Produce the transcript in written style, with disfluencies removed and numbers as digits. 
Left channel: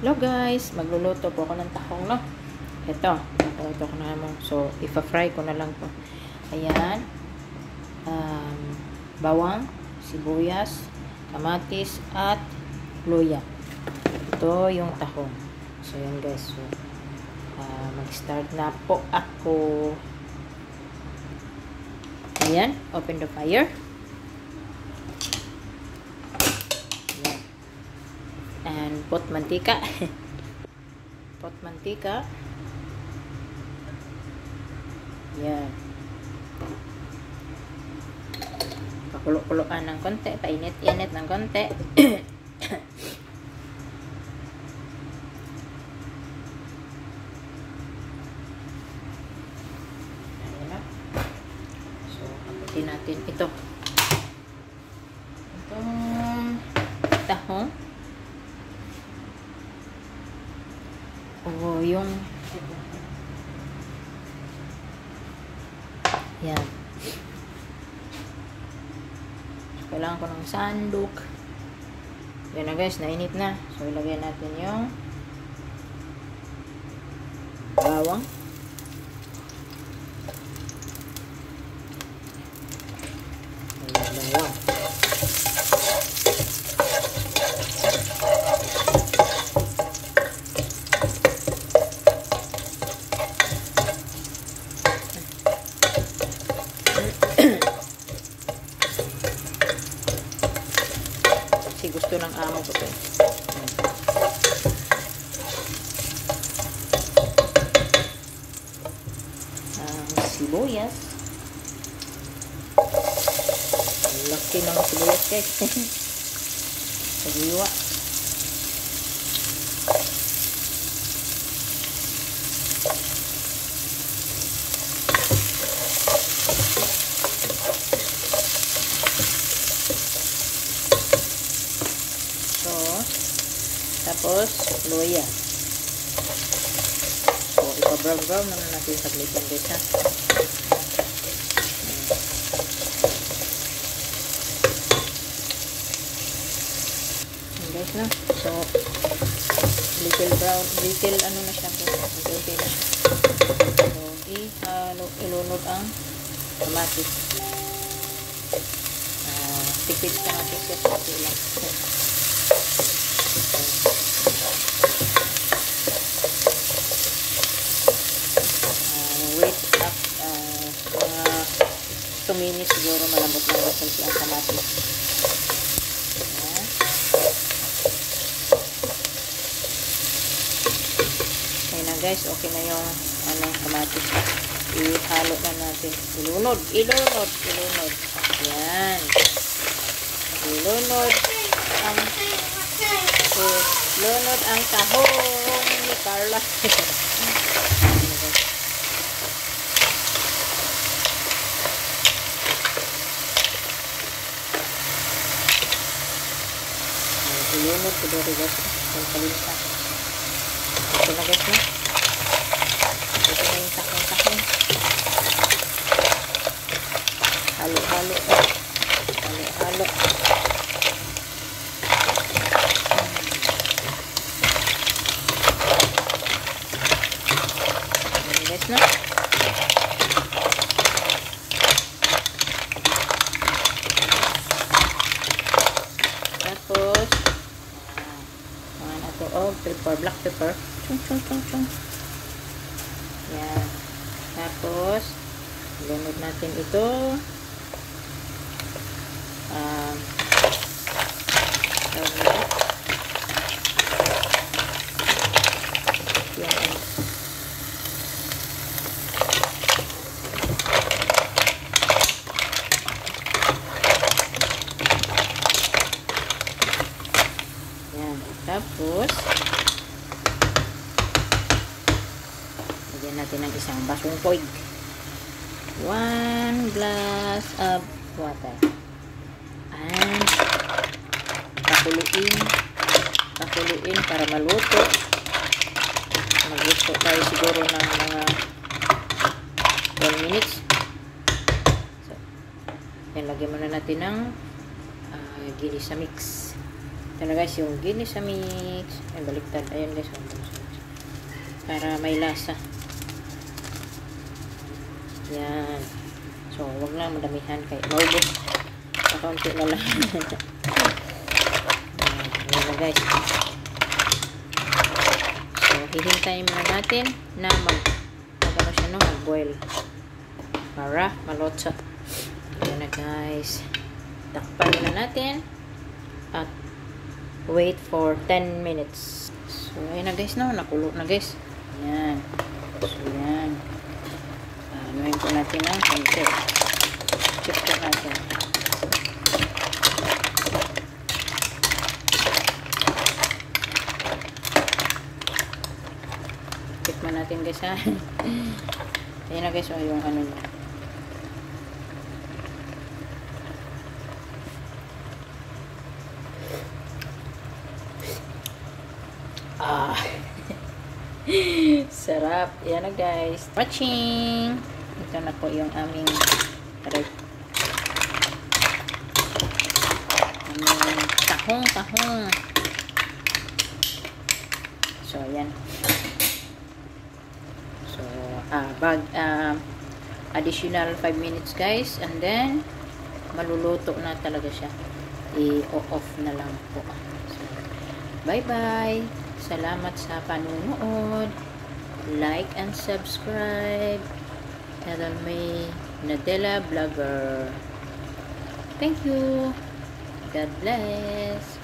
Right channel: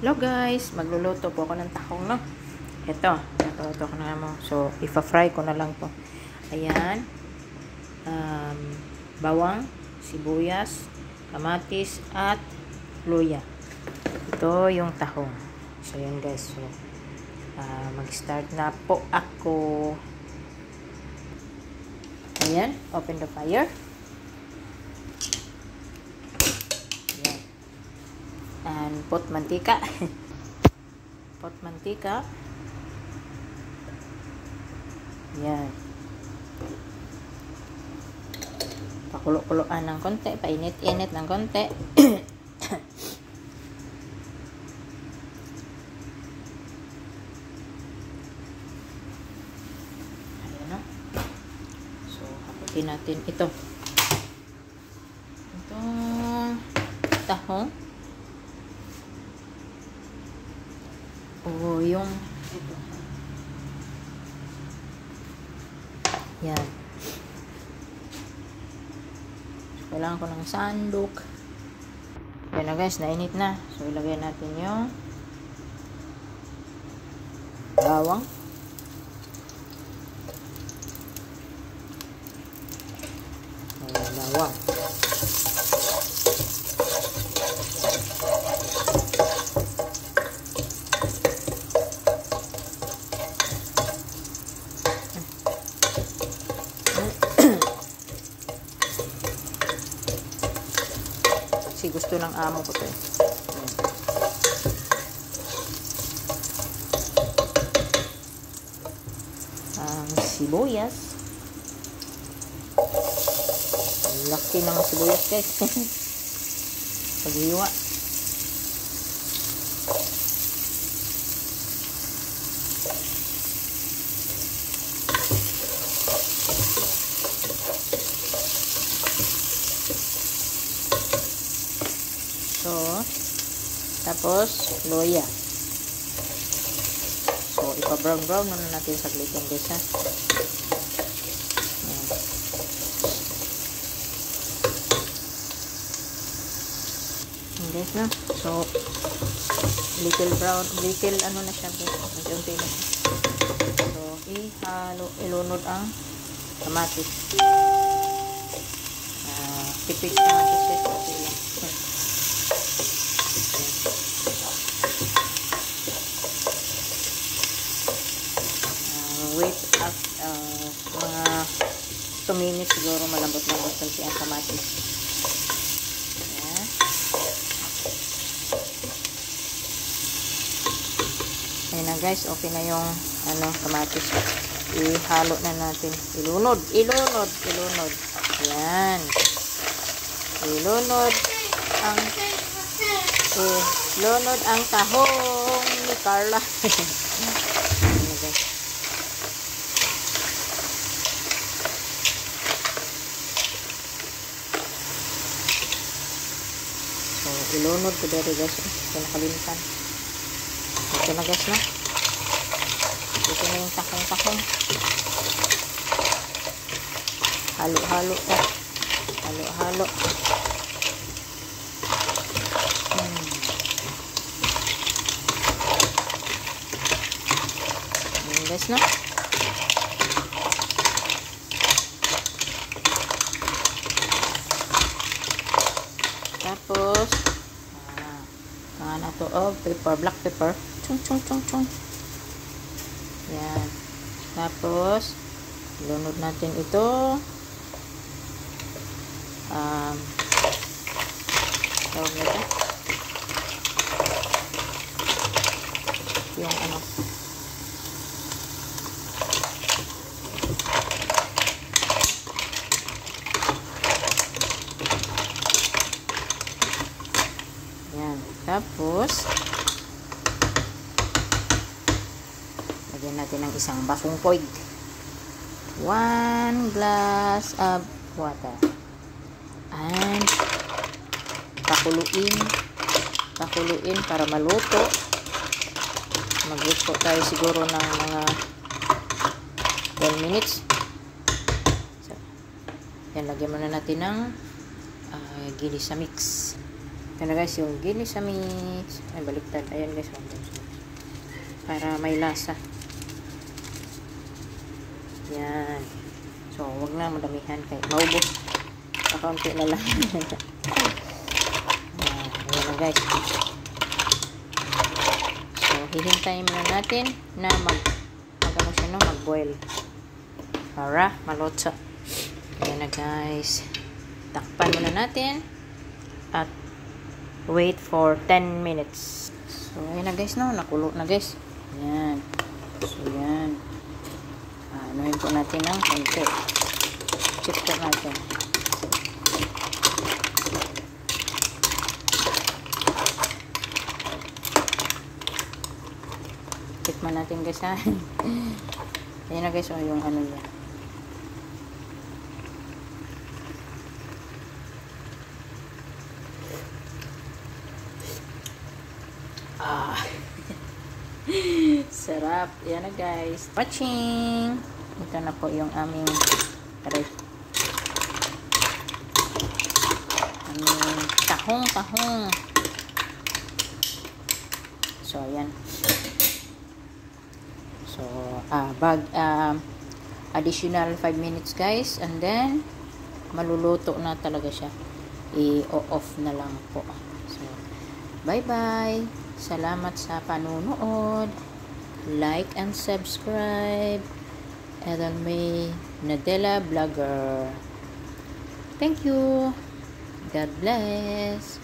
Hello guys, magluluto po ako ng tahong, no? Ito, ito ko na mo. So, ipa-fry ko na lang po. Ayan. Bawang, sibuyas, kamatis, at luya. Ito yung tahong. So, yan guys. So, mag-start na po ako. Ayan, open the fire. And pot mantika. Pot mantika. Yan. Pakulo-kuloan ng konti, painit-init ng konti. Ayan na. So, kapitin natin ito. Itong tahong. O, yung yan. Kailangan ko ng sandok. Yan na guys, nainit na. So, ilagay natin yung bawang. Ayan, bawang. Kasi gusto ng amo ko to eh. Sibuyas. Laki ng sibuyas guys. Sabiwa. So, tapos, luya. So, ipa-brown-brown na natin saglit yan guys ha. Ayan guys na. So, little brown, little ano na siya guys. Unti-unti na siya. So, ilunod ang kamatis. Tipid kamatis guys. Okay lang. Wait up mga 2 minutes siguro malambot-lambot kasi ang kamatis. Ayan. Ayan na guys, okay na yung kamatis. Ihalo na natin. Ilunod. Ayan. Ilunod ang tahong ni Carla. Ilunod ko dito guys. Kalimutan. Ito na guys na. Ito na yung tahong. Halo-halo. Halo-halo. Ayan guys na. Tapos pepper, black pepper. Chung. Yan. Tapos, ilunod natin ito. Tawag nito. Yung yan. Tapos, lagyan natin ng isang basong poig. 1 glass of water. And pakuluin para maluto. Magluto tayo siguro ng mga 12 minutes. So, yan, lagyan muna natin ng gilisa mix. Ito na guys, yung ginisa mix. Ay, baliktad. Ayan guys. Para may lasa. Yan. So, wag na madamihan kay maubos. Kaunti na lang. Ayan na guys. So, hihintayin muna natin na ano siya, no? Mag-boil. Para malotsa. Ayan na guys. Takpan muna natin. At wait for 10 minutes. So, ayan na guys, no? Nakulo na guys. Ayan. So, ayan. Anuhin po natin ng konti. Check po natin. Tikman natin guys, ha? Ayan na guys, yung ano niya. Sarap. Yan na guys. Watching. Ito na po yung aming tahong. So, ayan. So, additional 5 minutes guys. And then, maluluto na talaga siya. I-off na lang po. So, bye-bye. Salamat sa panunood. Like and subscribe. Adalme Nadella Vlogger. Thank you. God bless.